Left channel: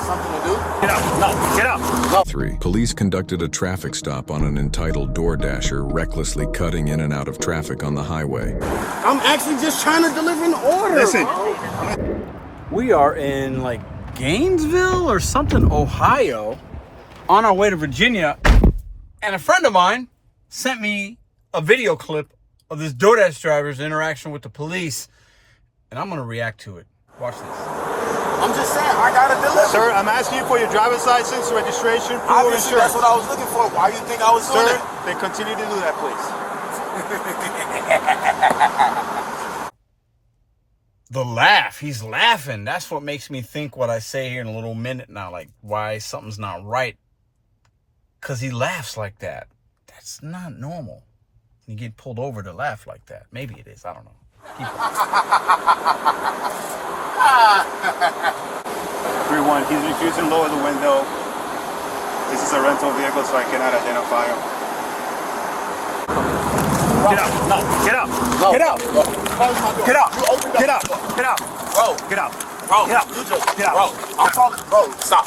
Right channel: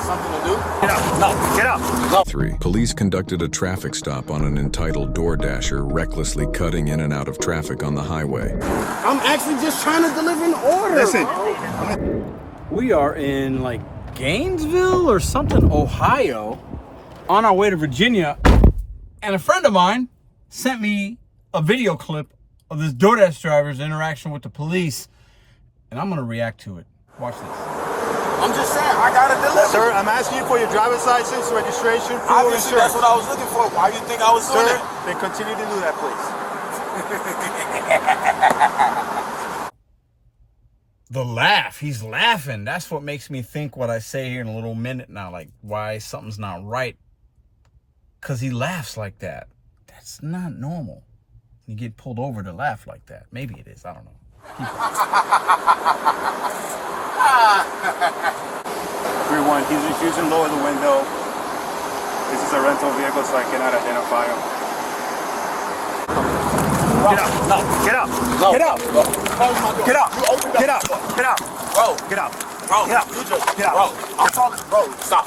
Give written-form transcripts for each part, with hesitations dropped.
something to do. Get out. No, get out. No. 3. Police conducted a traffic stop on an entitled DoorDasher recklessly cutting in and out of traffic on the highway. I'm actually just trying to deliver an order. Listen. We are in like Gainesville or something, Ohio, on our way to Virginia. And a friend of mine sent me a video clip of this DoorDash driver's interaction with the police. And I'm going to react to it. Watch this. I'm just saying, I gotta deliver. Sir, I'm asking you for your driver's license, registration, proof of Obviously, insurance. that's what I was looking for. Why do you think I was doing Sir, it? then continue to do that, please. The laugh. He's laughing. That's what makes me think what I say here in a little minute now. Like, why something's not right. Because he laughs like that. That's not normal. You get pulled over to laugh like that. Maybe it is. I don't know. Everyone, he's refusing to lower the window. This is a rental vehicle, so I cannot identify him. Get out. No, get out. No. Get out. Bro, close my door. Get out. You open Get the out. door. Get out. Bro. Get out. Bro, Get out. you just, Get out. bro, I'm talking, bro, stop.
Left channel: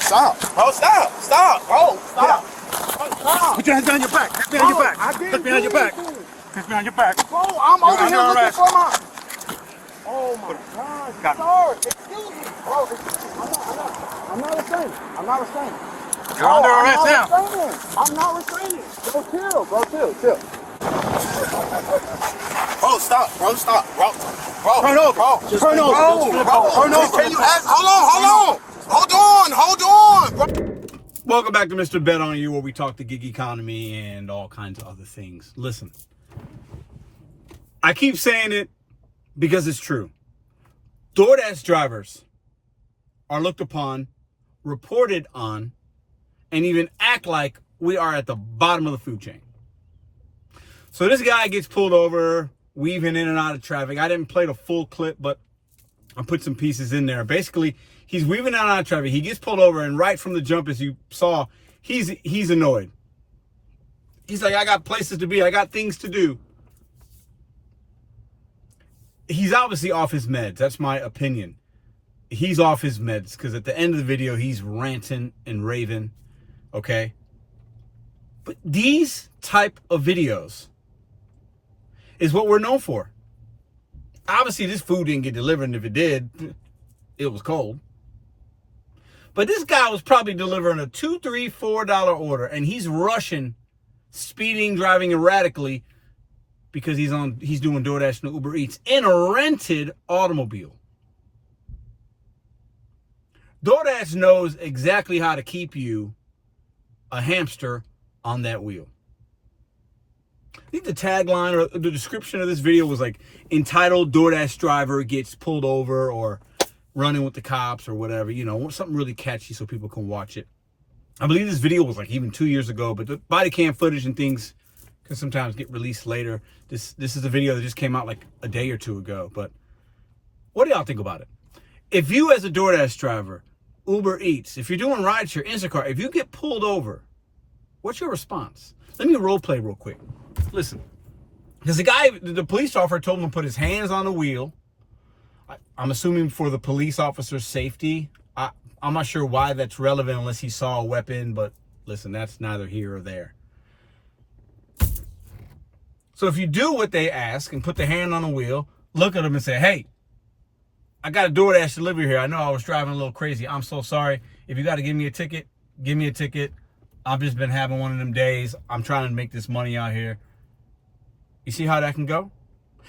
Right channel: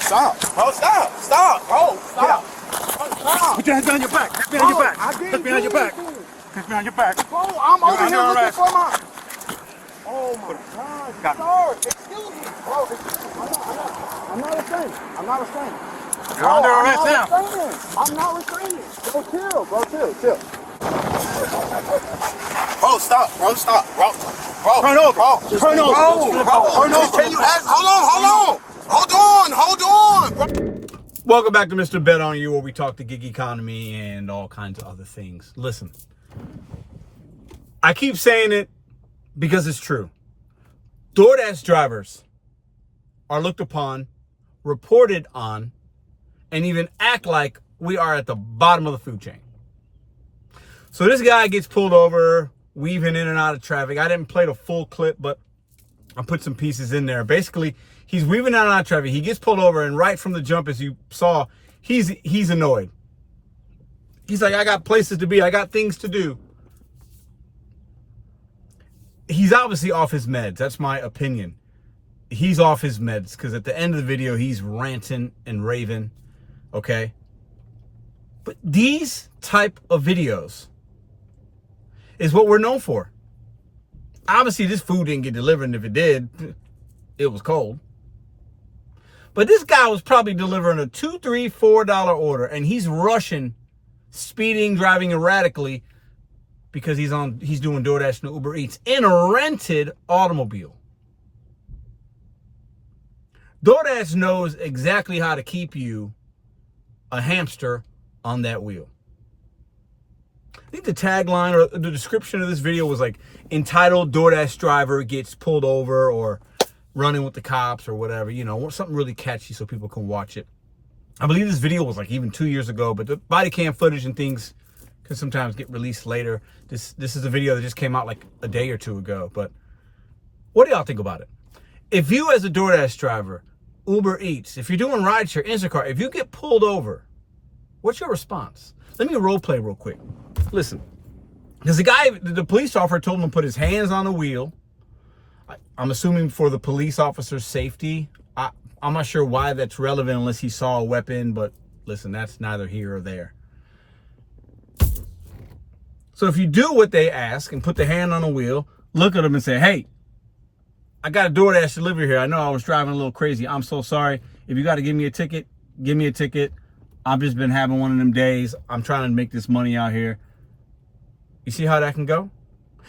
Stop. Bro, stop. Stop, bro, stop. Bro, stop. Put your hands behind your back. Hands behind your back. I didn't Hands behind your do back. anything. Hands behind your back. Bro, I'm You're over under here looking arrest. for my... Oh my God, Got sir, excuse me, bro, I'm not restraining. I'm not restraining. You're under arrest now. I'm not restraining. Bro, chill. Bro, stop, bro, stop, bro. Turn over. Bro, Turn over. Turn over. Can you ask? Hold on, bro. Welcome back to Mr. BetonYou, where we talk the gig economy and all kinds of other things. Listen, I keep saying it because it's true. DoorDash drivers are looked upon, reported on, and even act like we are at the bottom of the food chain. So this guy gets pulled over, weaving in and out of traffic. I didn't play the full clip, but I put some pieces in there. Basically, he's weaving in and out of traffic. He gets pulled over, and right from the jump, as you saw, he's annoyed. He's like, I got places to be. I got things to do. He's obviously off his meds. That's my opinion. He's off his meds because at the end of the video, he's ranting and raving, okay? But these type of videos is what we're known for. Obviously, this food didn't get delivered, and if it did, it was cold. But this guy was probably delivering a $2, $3, $4 order, and he's rushing, speeding, driving erratically because he's doing DoorDash and Uber Eats in a rented automobile. DoorDash knows exactly how to keep you a hamster on that wheel. I think the tagline or the description of this video was like entitled DoorDash driver gets pulled over or running with the cops or whatever, you know, something really catchy so people can watch it. I believe this video was like even 2 years ago, but the body cam footage and things can sometimes get released later. This is a video that just came out like a day or two ago. But what do y'all think about it? If you as a DoorDash driver, Uber Eats, if you're doing rideshare, Instacart, if you get pulled over, what's your response? Let me role play real quick. Listen, because the police officer told him to put his hands on the wheel. I'm assuming for the police officer's safety. I'm not sure why that's relevant unless he saw a weapon, but listen, that's neither here or there. So if you do what they ask and put the hand on the wheel, look at them and say, hey, I got a DoorDash delivery here. I know I was driving a little crazy. I'm so sorry. If you got to give me a ticket, give me a ticket. I've just been having one of them days. I'm trying to make this money out here. You see how that can go?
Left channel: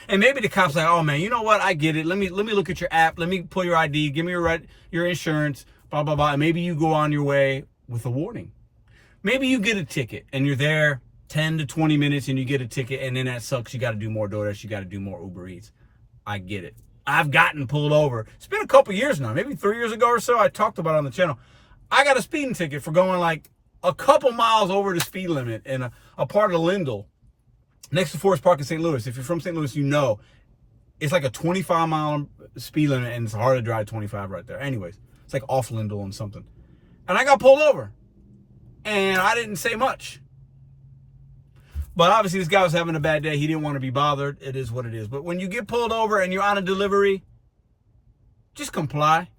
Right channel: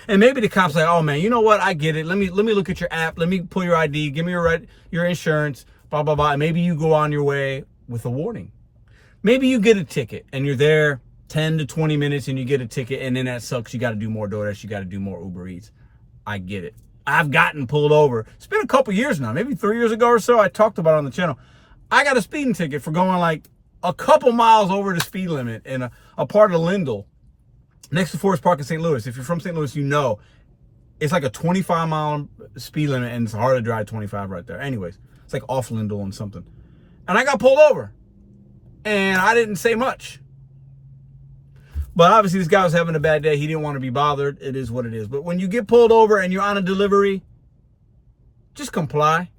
And maybe the cop's like, oh man, you know what? I get it. Let me look at your app. Let me pull your ID. Give me your insurance, blah, blah, blah. And maybe you go on your way with a warning. Maybe you get a ticket and you're there 10 to 20 minutes and you get a ticket, and then that sucks. You got to do more DoorDash. You got to do more Uber Eats. I get it. I've gotten pulled over. It's been a couple years now, maybe 3 years ago or so. I talked about it on the channel. I got a speeding ticket for going like a couple miles over the speed limit in a part of Lindell next to Forest Park in St. Louis. If you're from St. Louis, you know it's like a 25-mile speed limit, and it's hard to drive 25 right there. Anyways, it's like off Lindell and something. And I got pulled over, and I didn't say much. But obviously, this guy was having a bad day. He didn't want to be bothered. It is what it is. But when you get pulled over and you're on a delivery, just comply.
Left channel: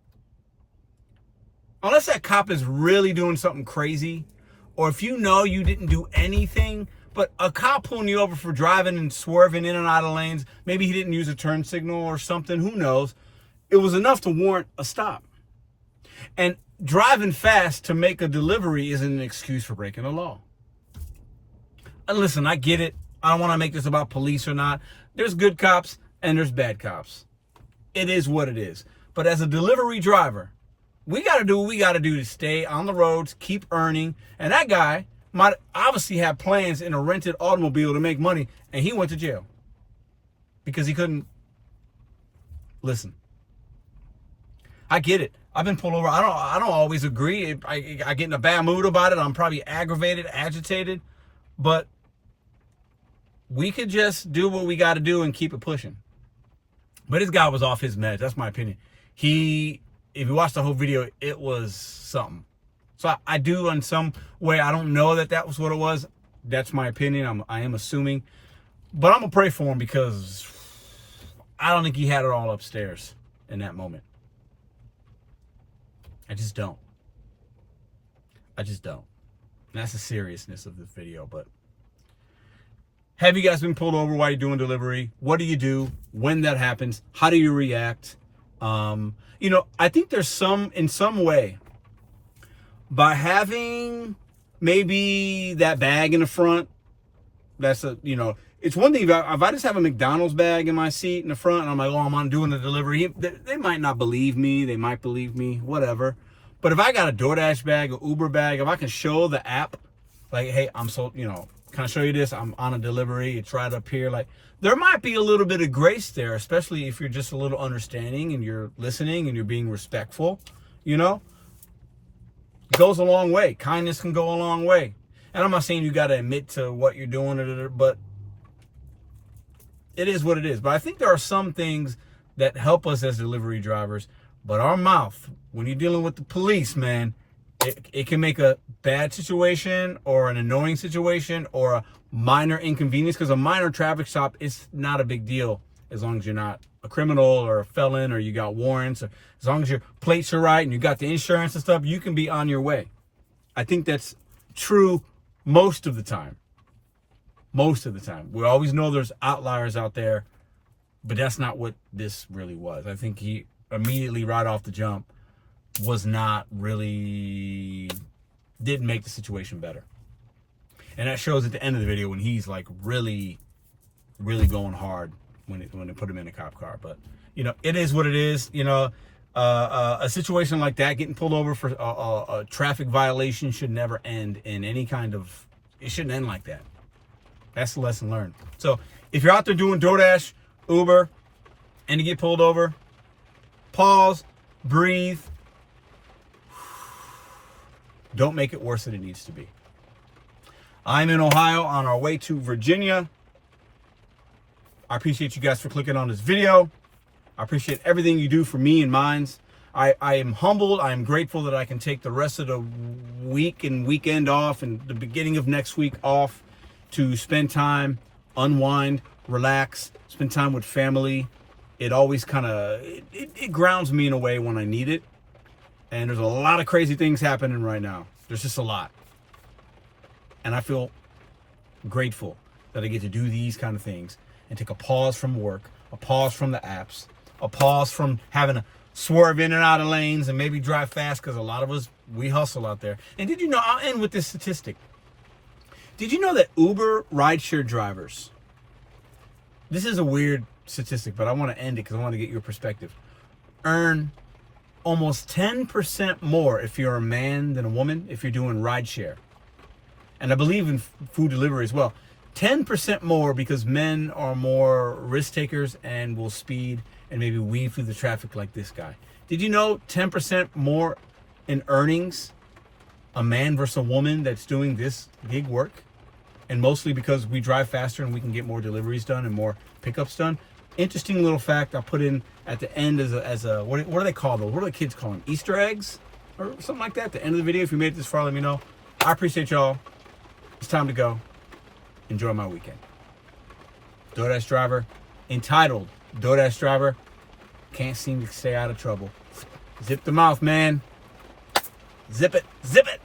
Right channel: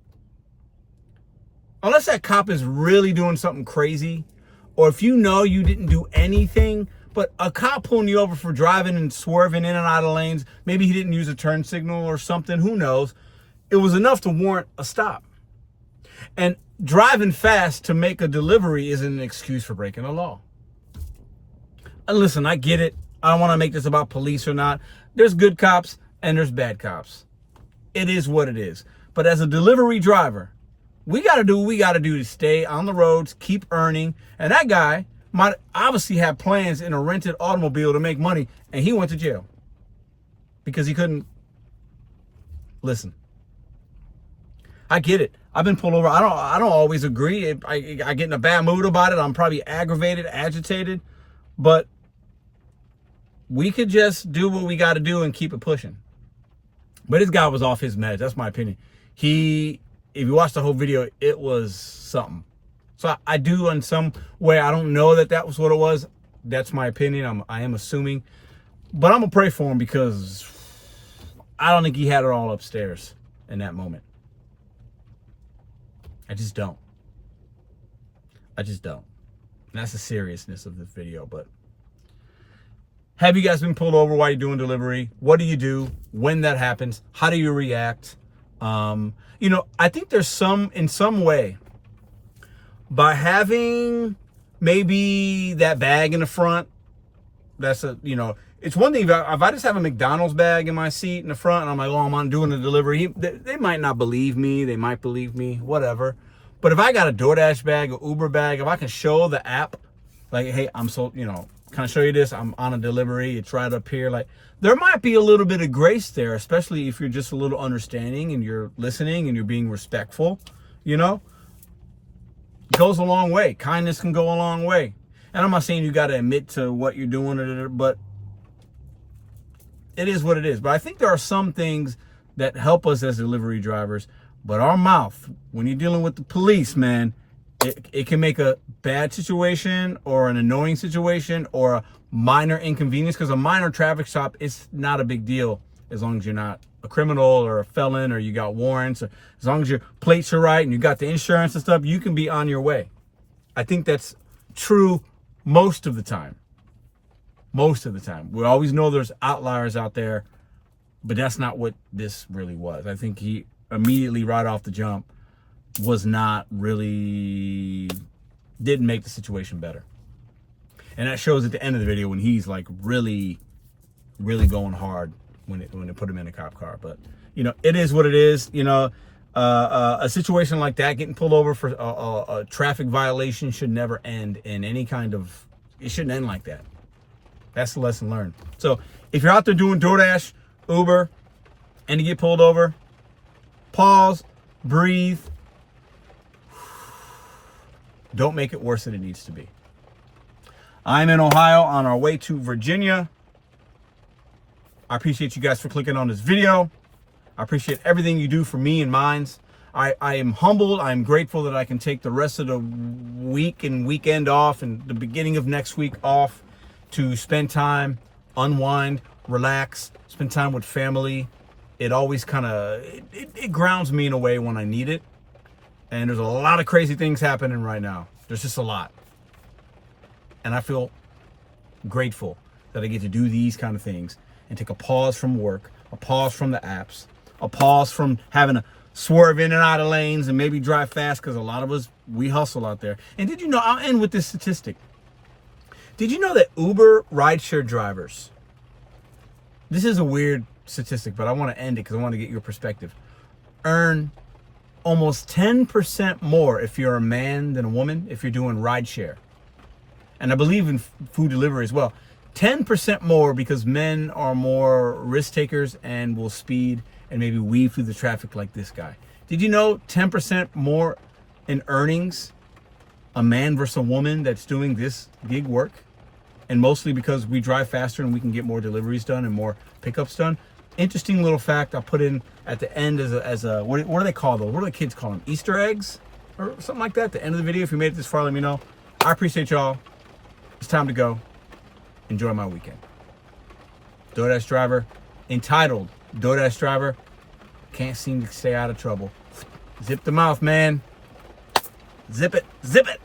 unless that cop is really doing something crazy, or if you know you didn't do anything, but a cop pulling you over for driving and swerving in and out of lanes, maybe he didn't use a turn signal or something, who knows, it was enough to warrant a stop. And driving fast to make a delivery isn't an excuse for breaking the law. And listen, I get it. I don't want to make this about police or not. There's good cops and there's bad cops. It is what it is. But as a delivery driver, we got to do what we got to do to stay on the roads, keep earning. And that guy might obviously have plans in a rented automobile to make money, and he went to jail because he couldn't listen. I get it. I've been pulled over. I don't always agree. I get in a bad mood about it. I'm probably aggravated, agitated, but we could just do what we got to do and keep it pushing. But this guy was off his meds. That's my opinion. If you watch the whole video, it was something. So I do in some way. I don't know that was what it was. That's my opinion. I am assuming, but I'm gonna pray for him because I don't think he had it all upstairs in that moment. I just don't. And that's the seriousness of this video. But have you guys been pulled over while you're doing delivery? What do you do when that happens? How do you react? I think there's in some way, by having maybe that bag in the front, it's one thing if I just have a McDonald's bag in my seat in the front and I'm like, oh, I'm doing a delivery. They might not believe me. They might believe me, whatever. But if I got a DoorDash bag, or Uber bag, if I can show the app, like, hey, can I show you this? I'm on a delivery. It's right up here. Like, there might be a little bit of grace there, especially if you're just a little understanding and you're listening and you're being respectful, It goes a long way. Kindness can go a long way. And I'm not saying you got to admit to what you're doing, but it is what it is. But I think there are some things that help us as delivery drivers. But our mouth, when you're dealing with the police, man, it can make a bad situation or an annoying situation or a minor inconvenience, because a minor traffic stop is not a big deal as long as you're not a criminal or a felon or you got warrants, or as long as your plates are right and you got the insurance and stuff, you can be on your way. I think that's true most of the time. We always know there's outliers out there, but that's not what this really was. I think he immediately right off the jump didn't make the situation better. And that shows at the end of the video when he's like really, really going hard when they put him in a cop car. But it is what it is. A situation like that, getting pulled over for a traffic violation, should never end in any kind of. It shouldn't end like that. That's the lesson learned. So if you're out there doing DoorDash, Uber, and you get pulled over, pause, breathe. Don't make it worse than it needs to be. I'm in Ohio on our way to Virginia. I appreciate you guys for clicking on this video. I appreciate everything you do for me and mine. I am humbled. I'm grateful that I can take the rest of the week and weekend off and the beginning of next week off to spend time, unwind, relax, spend time with family. It always it grounds me in a way when I need it. And there's a lot of crazy things happening right now. There's just a lot. And I feel grateful that I get to do these kind of things and take a pause from work, a pause from the apps, a pause from having to swerve in and out of lanes and maybe drive fast, because a lot of us, we hustle out there. And did you know, I'll end with this statistic. Did you know that Uber rideshare drivers, this is a weird statistic, but I want to end it because I want to get your perspective, earn almost 10% more if you're a man than a woman if you're doing rideshare. And I believe in food delivery as well. 10% more because men are more risk takers and will speed and maybe weave through the traffic like this guy. Did you know 10% more in earnings, a man versus a woman that's doing this gig work? And mostly because we drive faster and we can get more deliveries done and more pickups done. Interesting little fact I'll put in at the end as a what do they call those? What do the kids call them? Easter eggs? Or something like that at the end of the video. If you made it this far, let me know. I appreciate y'all. It's time to go. Enjoy my weekend. DoorDash Driver, entitled DoorDash Driver, can't seem to stay out of trouble. Zip the mouth, man. Zip it. Zip it.